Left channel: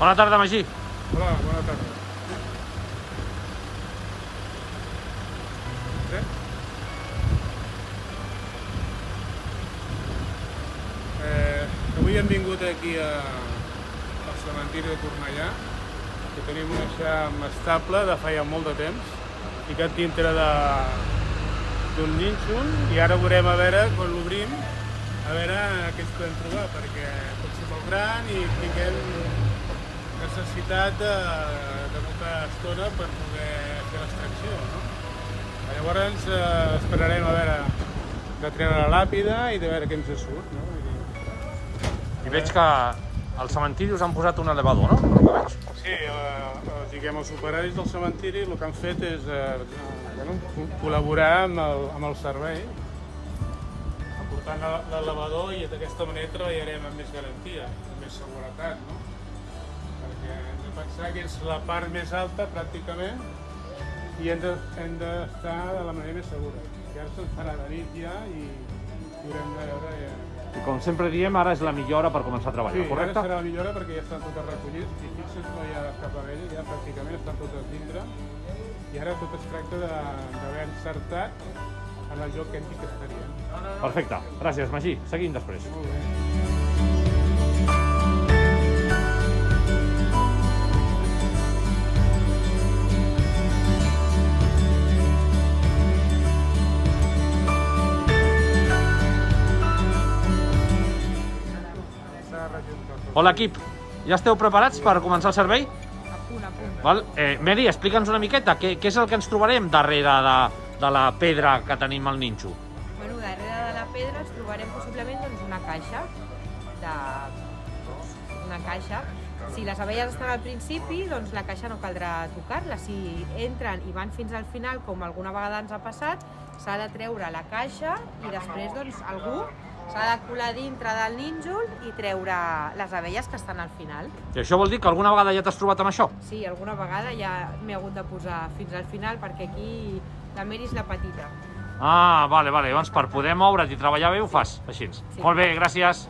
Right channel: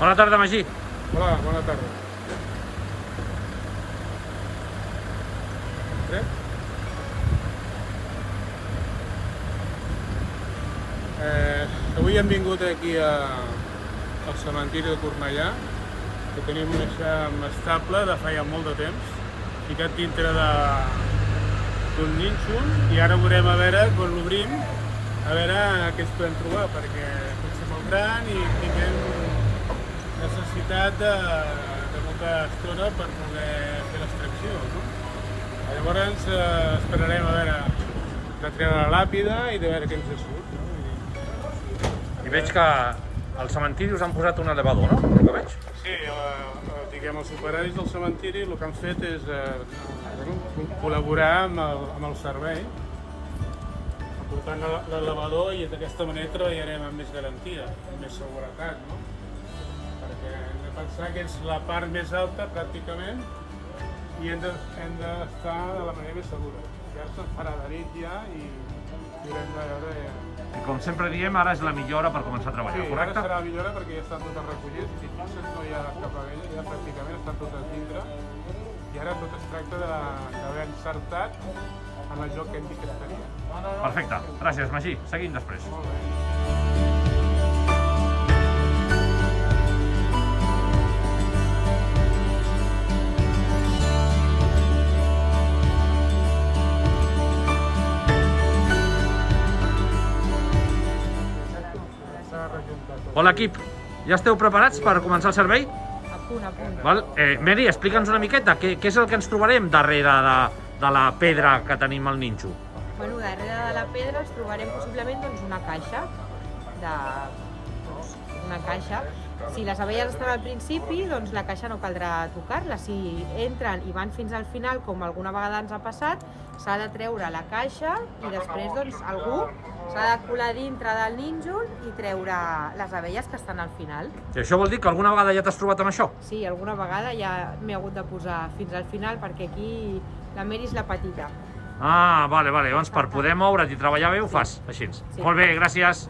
Bona tarda, Magí. Hola, bona tarda. Avui hem vingut aquí al cementiri de Cornellà, que tenim un eixam estable de feia molt de temps, ficat dintre d'un nínxol, i ara veurem a veure, quan l'obrim, a veure què ens podem trobar, perquè pot ser molt gran i tinguem necessitat de molta estona per poder fer l'extracció, no? Llavors esperarem a veure de treure la làpida i de veure què ens surt. I veig que al cementiri us han posat un elevador, no? Per lo que veig. Sí, els operaris del cementiri el que han fet és col·laborar amb el servei, aportant l'elevador, i d'aquesta manera treballarem amb més garantia, amb més seguretat, no? Perquè hem de pensar que és la part més alta pràcticament i hem d'estar de la manera més segura. Ja se'n farà de nit ja i haurem de veure ja. I com sempre diem, ara és la millor hora per començar a treballar, correcte? Sí, ara serà la millor hora perquè ja estan tots recollits i fixa't, no hi ha cap abella, ja pràcticament estan tots a dintre i ara tot es tracta d'haver encertat en el joc que hem dit que estaria. Perfecte, gràcies, Magí. Seguim després. Molt bé. Hola, equip. Ja esteu preparats per començar el servei? A punt, a punt. Val? Mary, explica'ns una miqueta què és el que ens trobarem darrere de la pedra que tenim al nínxol. Bueno, darrere de la pedra ens trobarem possiblement una caixa. Una caixa. Si les abelles estan al principi, doncs la caixa no caldrà tocar-la. Si entren i van fins al final, com alguna vegada ens ha passat, s'ha de treure la caixa i després doncs, algú s'ha de colar dintre del nínxol i treure les abelles que estan al final. I això vol dir que alguna vegada ja t'has trobat amb això? Sí, alguna vegada ja m'he hagut de posar fins al final perquè aquí la Mary és la petita. Ah, vale. Llavors per poder moure't i treballar bé ho fas, així. Sí. Molt bé, gràcies.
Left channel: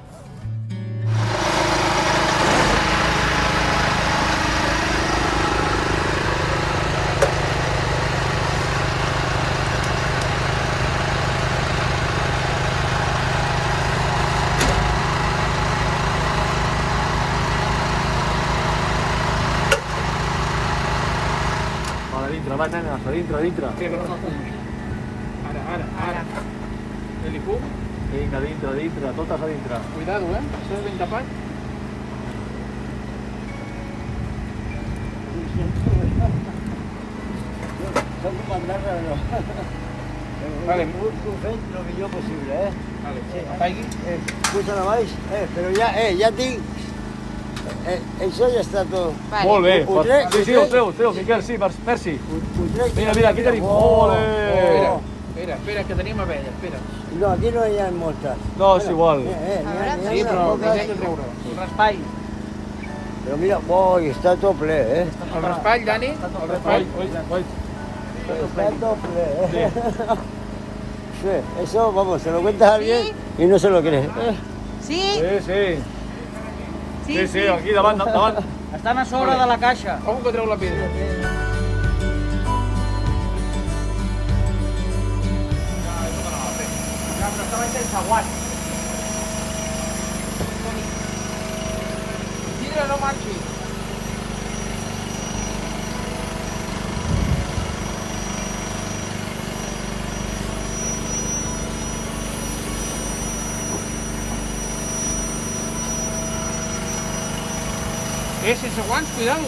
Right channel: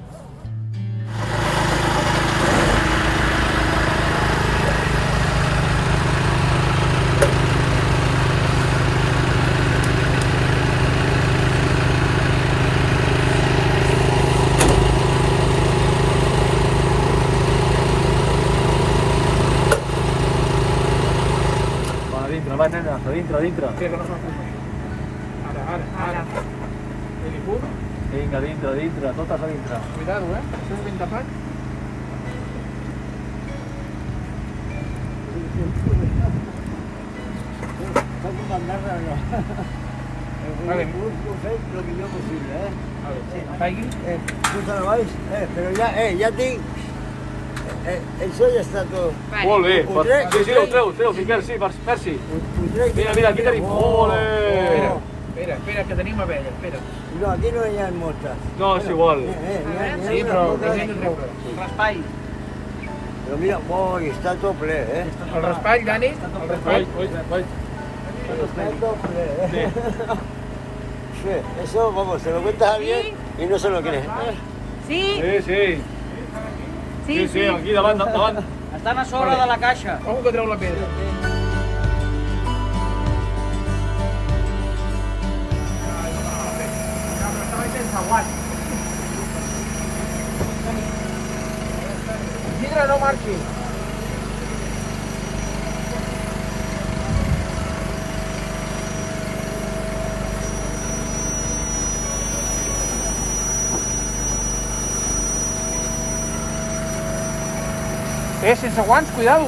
Va, nena, a dintre. Sí, que no s'ho Ara. Elifum. Vinga, dintre, totes a dintre. Cuidado, Estàs ben tapat. Vale. Lo millor possible, Vale. Apagui. Puja la baix, però ja tinc. Això ja està tot. Vale. Molt bé. Sí, ho treu, Miquel, sí, merci. Mira, aquí tenim. Espera, que tenim abella, espera. No, aquí no hi ha moltes. No, és igual. Sí, però hem de treure. Raspall. Però mira, està tot ple, El raspall, Dani, el raspall. Está todo ple, Sí, eso, vamos, se lo cuenta a alguien y no se lo cree. Sí? Sí, aquí davant. Estan a sobre de la caixa. Com que treu la pedra? Vidre no marxi. Sense guants, cuidado,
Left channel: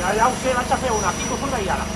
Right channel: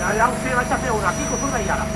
Ja ho sé, vaig a fer una. Aquí t'ho surt ara.